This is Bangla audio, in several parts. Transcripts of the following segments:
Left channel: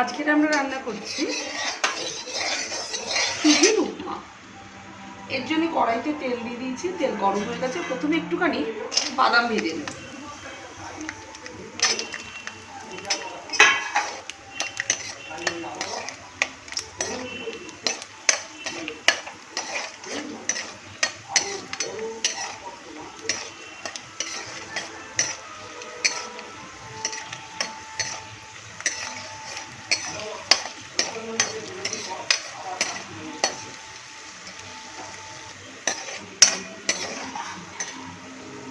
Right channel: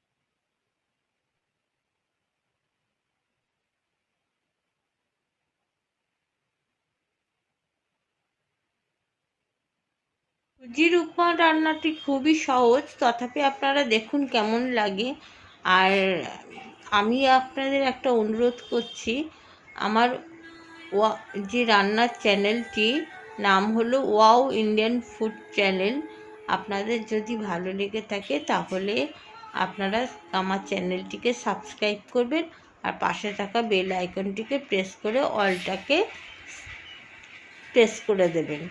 আজকের আমরা রান্না করছি সুজির উপমা। এর জন্য কড়াইতে তেল দিয়ে দিয়েছি, তেল গরম হয়ে গেছে। প্রথমে একটুখানি বাদাম ভেজে নেব জির উপমা রান্নাটি খুবই সহজ, তথাপি আপনারা দেখুন কেমন লাগে। আর আমি আপনাদের একটা অনুরোধ করছি, আমার যে রান্নার চ্যানেলটি, নাম হলো ওয়াও ইন্ডিয়ান ফুড চ্যানেল। আপনাদের যদি ভালো লেগে থাকে, তাহলে আপনারা আমার চ্যানেলটিকে সাবস্ক্রাইব করবেন আর পাশে থাকা বেল আইকনটিকে প্রেস করে অলটাকে প্রেস করে দেবেন।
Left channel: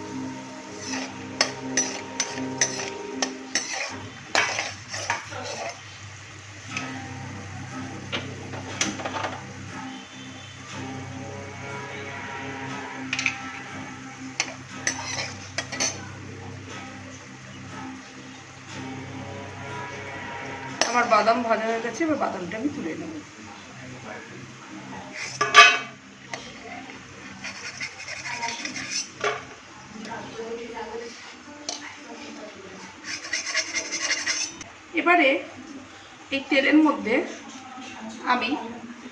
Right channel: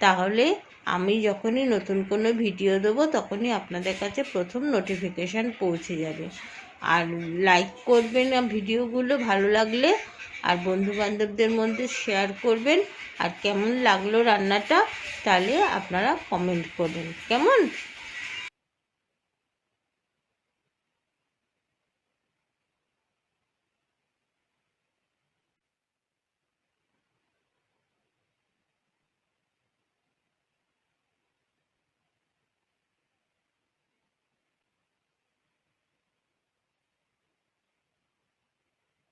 তাহলে আমি যখনই নতুন কোনো ভিডিও দেবো, তখনই আপনাদের কাছে প্রথম নোটিফিকেশান পৌঁছে যাবে। আর লাইক করবেন ভিডিওগুলো ভালো লাগলে, আর বন্ধু বান্ধবদের মধ্যে শেয়ার করবেন। আর কেমন লাগল রান্নাটা, তাহলে আপনারা কমেন্ট করবেন। কেমন? আমার বাদাম ভাজা হয়ে গেছে, এবার বাদামটা আমি তুলে নেব। এবারে এই তেলের মধ্যে আমি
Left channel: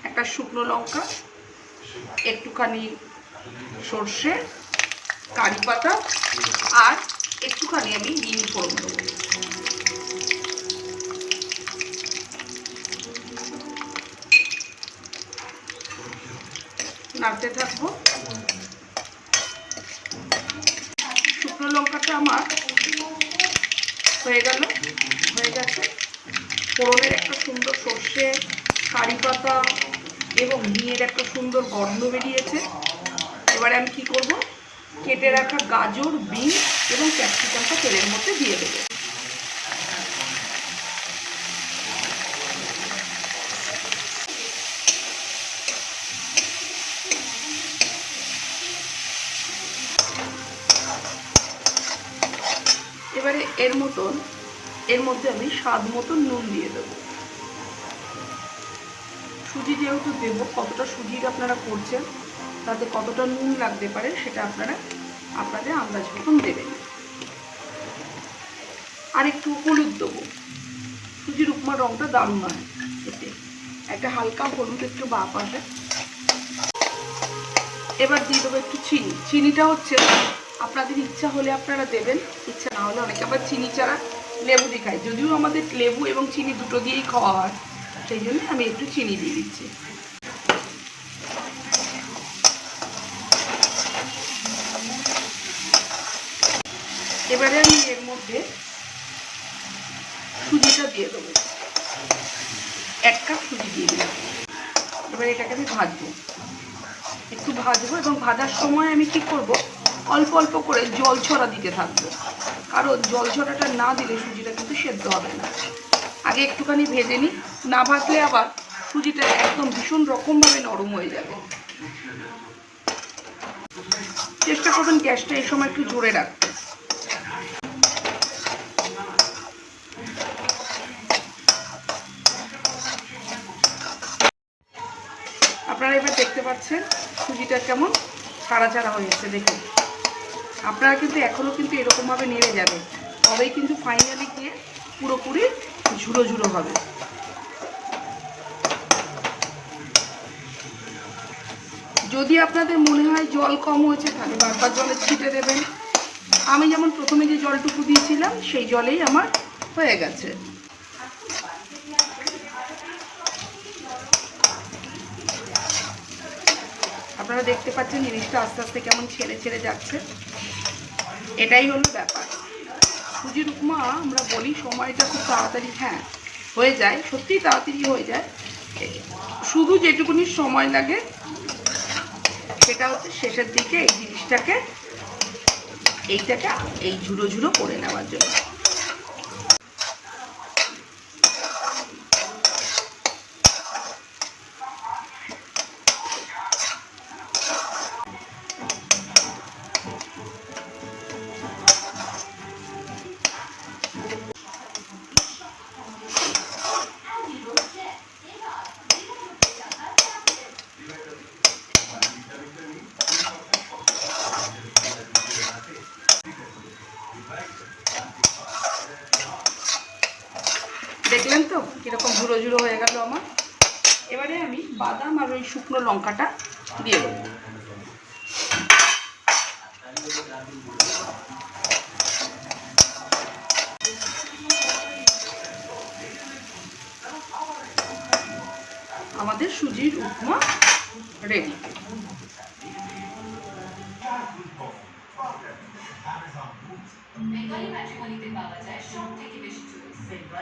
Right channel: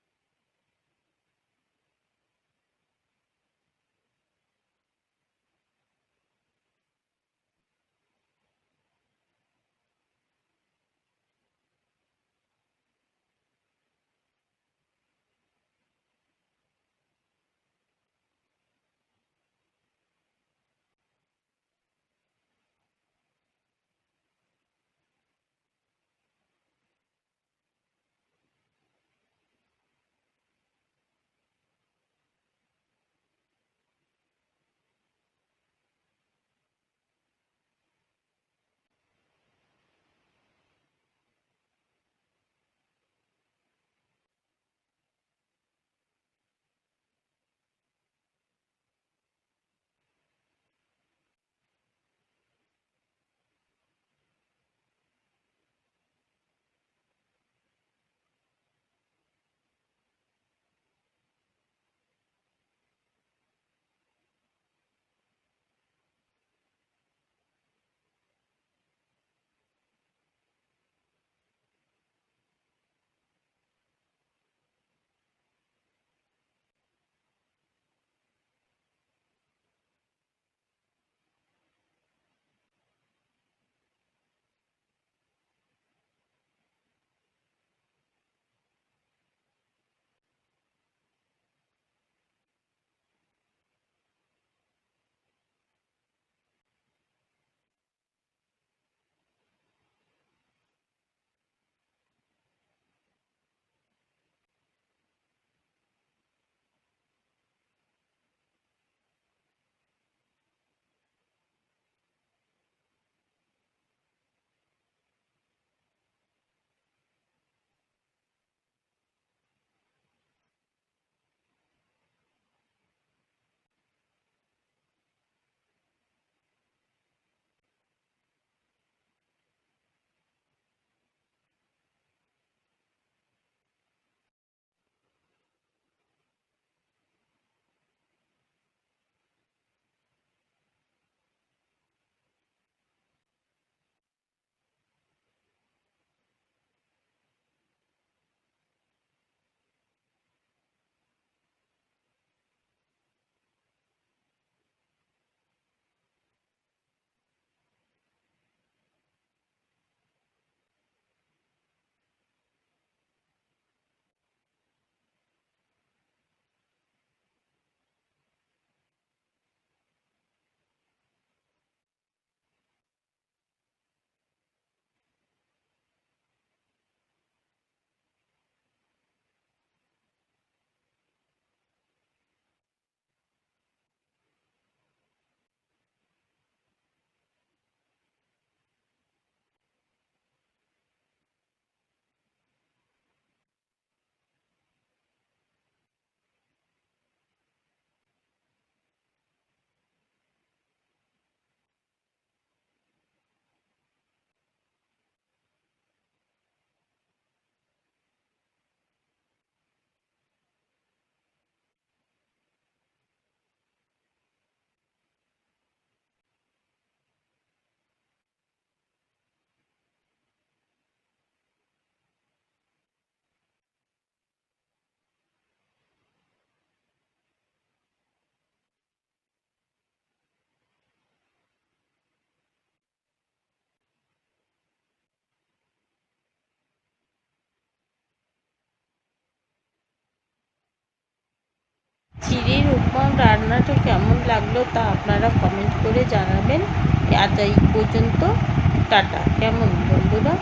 একটা শুকনো লঙ্কা, একটুখানি সর্ষে, কারি পাতা, আর একটুখানি আমি হিং ফোড়ন দেবো। নাড়তে থাকব। শুকনো লঙ্কাটা আমার হয়ে গেল, হয়ে গেছে। ফোড়নের একটা সুন্দর সর্ষে, কারি পাতা এবং ঘিয়ের একটা সুন্দর গন্ধ বেরিয়েছে। এবারে আমি কি করব? কেটে রাখা গাজর বিন এবং ক্যাপসিকামটা তেলের মধ্যে দিয়ে দেবো এবারে এর মতন, এর মধ্যে আমি স্বাদ মতন নুন দিয়ে দেবো। সুজি যেহেতু দেবো, কতটা সুজির আপনারা করছেন, তাতে কতটা নুন লাগতে পারে সেটা আপনারা আপনাদের আন্দাজ মতন দেবেন। আর একটু হলুদ দেবো। সুজির উপমার রঙটা দারুণ হয় এতে একটা হালকা হলুদ একটু বাপ আসে। এবার দিয়ে দেবো একটু চিনি। চিনিটা হচ্ছে আপনাদের ইচ্ছা হলে আপনারা দেবেন, ইচ্ছা না হলে অনেকে আবার চিনি ছাড়া লেবু দিয়ে খায়। যদিও আমাদের লেবু এবং চিনি দুটো দিয়েই খাওয়া হয়, সেই জন্য আমি একটু চিনি দিয়ে দিচ্ছি। এবারে আমি এর মধ্যে সুজিটা দিয়ে দেবো। এক কাপ সুজি দিয়ে দিলাম। এবার এটাকে আমি ভাজবো। একটু ভাজবো এবং ভাজার সময় আমি কি করব? অল্প অল্প করে জল ছড়া দিতে থাকব। কারণ জল ছড়াটা না দিলে সুজিটা কিন্তু সেদ্ধ হবে না। আগে একটুখানি ভেজে নিই, না ভাজলে আবার সুজিটা একদম ভীষণ রকমভাবে নরম হয়ে যাবে। চেষ্টা করবেন গ্যাসটা এই সময় একটু জোরে রাখতে। আপনারা এবার দেখতে পাচ্ছেন সুজিটা কেমন ছাড়া ছাড়া হয়েছে দেখুন। আপনারা কিন্তু এখনও কিন্তু এরকমভাবে নেড়ে যাবে তবেই কিন্তু ফাইনালি গিয়ে পুরোপুরি ঝুড়ো ঝুড়ো হবে। যদি আপনাদের মনে হয় জল কম হয়েছে, তাহলে বারবার জলে ছিটে দেবেন। আমি যেমন প্রথমে যে জলটুকু দিয়েছিলাম, সেই জলেই আমার হয়ে গেছে। আপনারা দেখতে পাচ্ছেন জিনিসটা আস্তে আস্তে কেমন ছেড়ে ছেড়ে যাচ্ছে। এটাই হলো ব্যাপার। সুজির উপমা আমরা বলি সময়টা খুব তাড়াতাড়ি হ্যাঁ হয়ে যায়, সত্যিই তাড়াতাড়ি হয়ে যায়। শুধু যেটুকুনি সময় লাগে, সেটা হচ্ছে শেষের দিকে এই জিনিসটাকে, এইটাকে এই ঝুড়ো ঝুড়ো করে নেওয়ার জন্য। দেখলেন তো? কীরকম ঝুড়ো ঝুড়ো হয়ে গেল আমার। এবারে আমি বাদাম আর ওই শুকনো লঙ্কাটা দিয়ে দেবো। আমাদের সুজির উপমা রেডি চিড়ির উপমা রান্নাটা কেমন লাগল তা আপনারা কমেন্ট করে জানাবেন। আজ এই পর্যন্ত, টাটা। কেমন বন্ধুরা?